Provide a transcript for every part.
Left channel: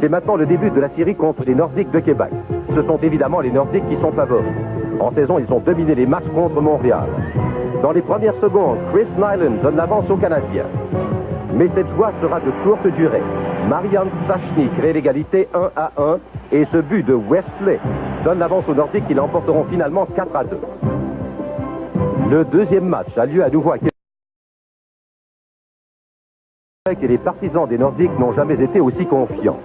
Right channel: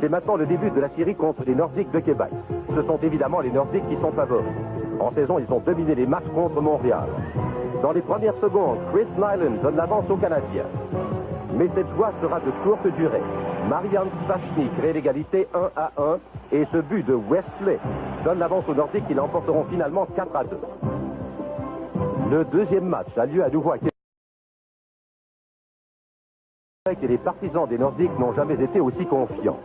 C'est maintenant le début de la série contre les Nordiques de Québec. Ce sont évidemment les Nordiques qui sont favoris. En saison, ils ont dominé les matchs contre Montréal. Dans les premières secondes, Chris Nyland donne l'avance aux Canadiens. Mais cette joie sera de courte durée. Marian Stachny crée l'égalité 1-1 et ce but de Wesley donne l'avance aux Nordiques qui l'emporteront finalement 4-2. Le deuxième match a lieu à nouveau à Québec et les partisans des Nordiques n'ont jamais été aussi confiants.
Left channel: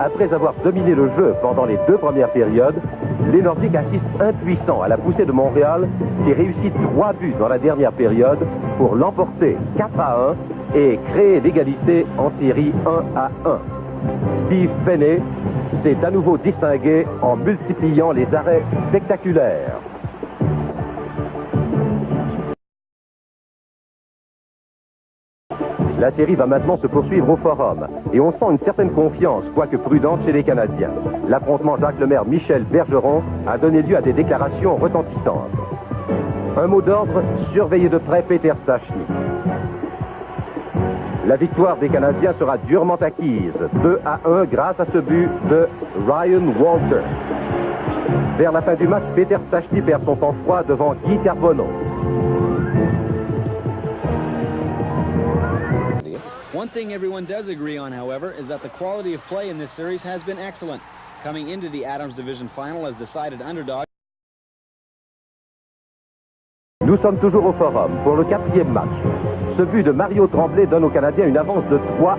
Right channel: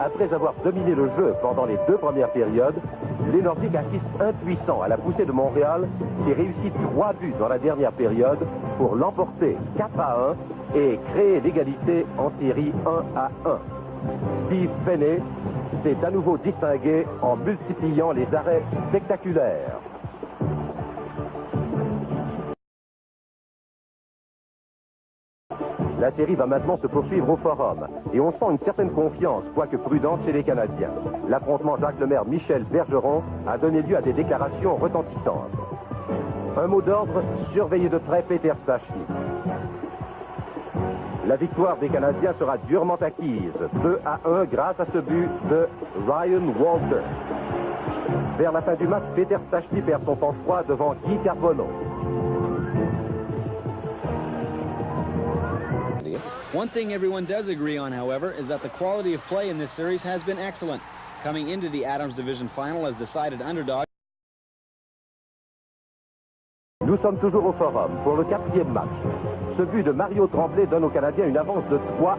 Après avoir dominé le jeu pendant les deux premières périodes, les Nordiques assistent impuissants à la poussée de Montréal qui réussit 3 buts dans la dernière période pour l'emporter 4-1 et créer l'égalité en série 1-1. Steve Penney s'est à nouveau distingué en multipliant les arrêts spectaculaires. La série va maintenant se poursuivre au Forum et on sent une certaine confiance, quoique prudente, chez les Canadiens. L'affrontement Jacques Lemaire-Michel Bergeron a donné lieu à des déclarations retentissantes. Un mot d'ordre, surveiller de près Peter Stachny. La victoire des Canadiens sera durement acquise, 2-1 grâce à ce but de Ryan Walter. Vers la fin du match, Peter Stachny perd son sang-froid devant Guy Carbonneau. One thing everyone does agree on, however, is that the quality of play in this series has been excellent. Coming into the Adams Division Final as decided underdog. Nous sommes toujours au Forum pour le 4e match. Ce but de Mario Tremblay donne aux Canadiens une avance de 3-1.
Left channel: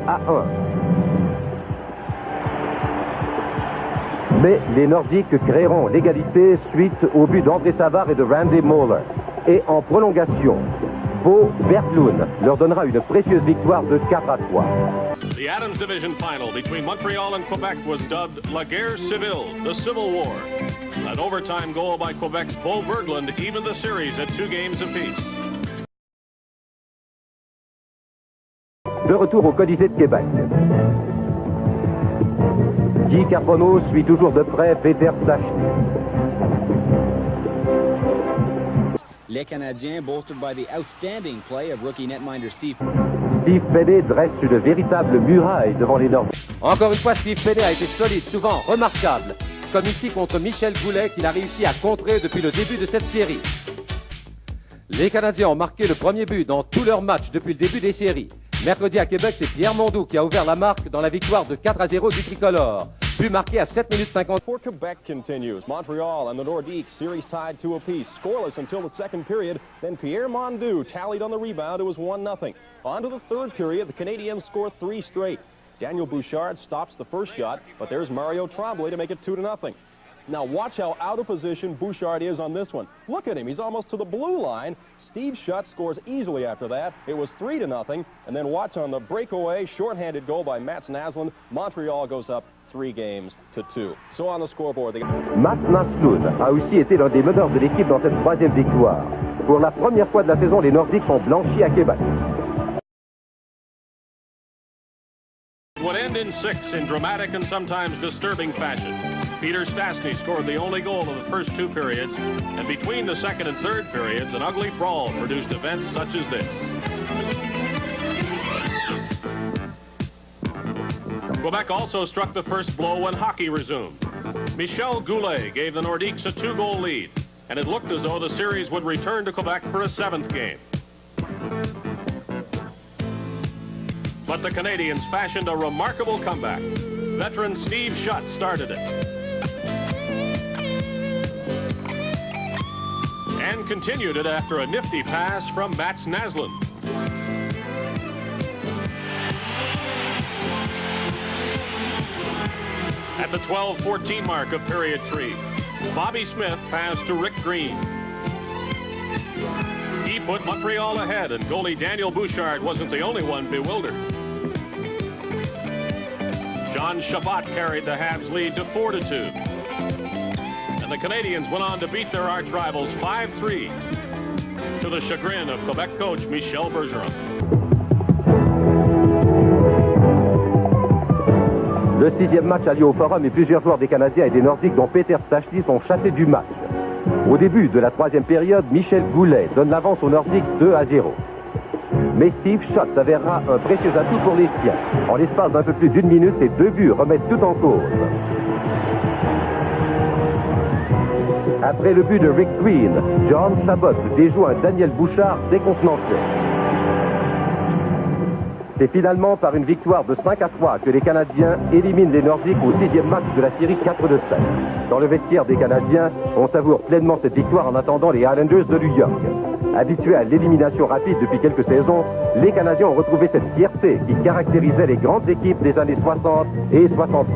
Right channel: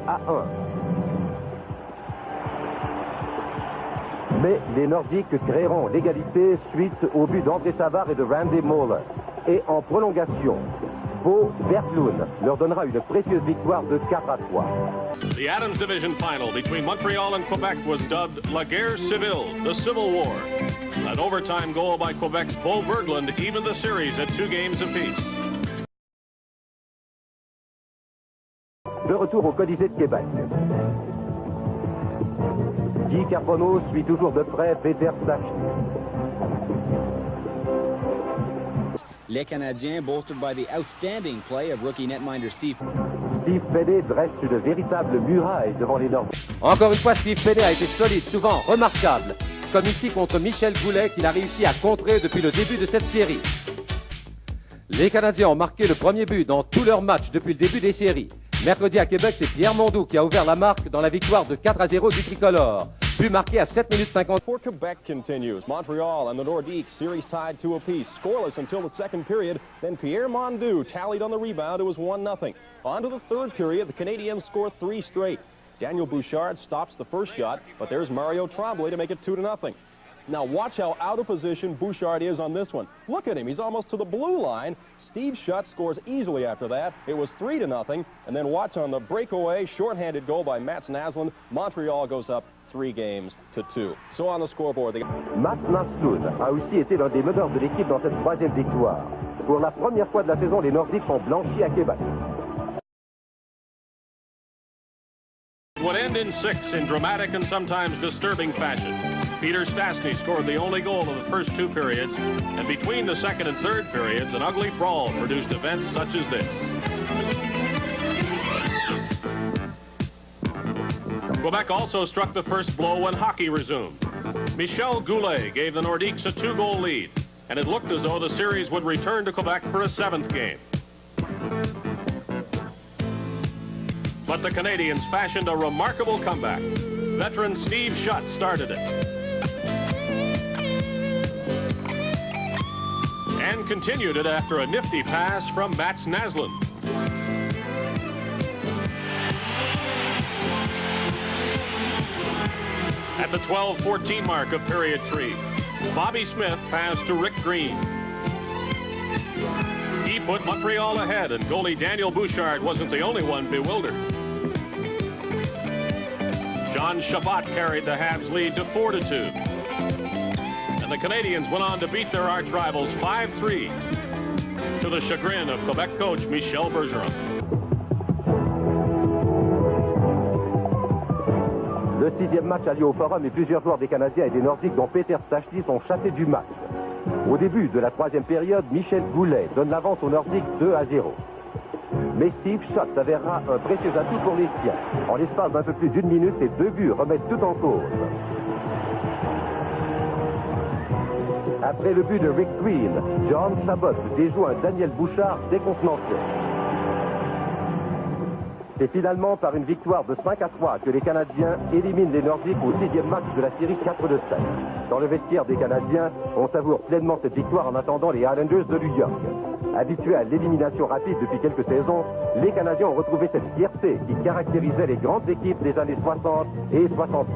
Mais les Nordiques créeront l'égalité suite au but d'André Savard et de Randy Moller. Et en prolongation, Bo Berglund leur donnera une précieuse victoire de 4-3. The Adams Division Final between Montreal and Quebec was dubbed La Guerre Civile, the Civil War. An overtime goal by Quebec's Bo Berglund evened the series at 2 games apiece. De retour au Colisée de Québec. Guy Carbonneau suit toujours de près Peter Stachny. Les Canadiens, bolstered by the outstanding play of rookie netminder Steve. Steve Penney dresse une véritable muraille devant les Nordiques. Encore une fois, Steve Penney a été solide, souvent remarquable, comme ici contre Michel Goulet qu'il a réussi à contrer depuis le début de cette série. Les Canadiens ont marqué le premier but dans tous leurs matchs depuis le début des séries. Mercredi à Québec, c'est Pierre Mondou qui a ouvert la marque dans la victoire de 4-0 du Tricolore. But marqué à 7 minutes 50. For Quebec continues. Montreal and the Nordiques series tied 2 apiece. Scoreless until the second period. Then Pierre Mondou tallied on the rebound. It was 1-0. On to the third period, the Canadiens score 3 straight. Daniel Bouchard stops the first shot, but there's Mario Tremblay to make it 2-0. Now watch how out of position Bouchard is on this one. Look at him, he's almost to the blue line. Steve Shutt scores easily after that. It was 3-0, and then watch on the breakaway, shorthanded goal by Mats Naslund. Montreal goes up 3-2. So on the scoreboard. Mats Naslund a aussi été l'un des meneurs de l'équipe dans cette 3e victoire. Pour la première fois de la saison, les Nordiques sont blanchis à Québec. Would end in 6 in dramatic and sometimes disturbing fashion. Peter Stastny scored the only goal of the first 2 periods, and between the second and third periods, an ugly brawl produced events such as this. Quebec also struck the first blow when hockey resumed. Michel Goulet gave the Nordiques a 2-goal lead, and it looked as though the series would return to Quebec for a 7th game. But the Canadians fashioned a remarkable comeback. Veteran Steve Shutt started it. And continued it after a nifty pass from Mats Naslund. At the 12-14 mark of period 3, Bobby Smith passed to Rick Green. He put Montreal ahead, and goalie Daniel Bouchard wasn't the only one bewildered. John Chabot carried the Habs lead to 4-2. And the Canadians went on to beat their arch rivals 5-3, to the chagrin of Quebec coach Michel Bergeron. Le 6e match a lieu au Forum et plusieurs joueurs des Canadiens et des Nordiques, dont Peter Stachny, sont chassés du match. Au début de la 3e période, Michel Goulet donne l'avance aux Nordiques 2-0. Mais Steve Schott s'avérera un précieux atout pour les siens. En l'espace d'un peu plus d'une minute, ses 2 buts remettent tout en cause. Après le but de Rick Green, John Chabot déjoue un Daniel Bouchard décontenancé. C'est finalement par une victoire de 5-3 que les Canadiens éliminent les Nordiques au 6e match de la série 4-7. Dans le vestiaire des Canadiens, on savoure pleinement cette victoire en attendant les Islanders de New York. Habitués à l'élimination rapide depuis quelques saisons, les Canadiens ont retrouvé cette fierté qui caractérisait les grandes équipes des années 60 et 70.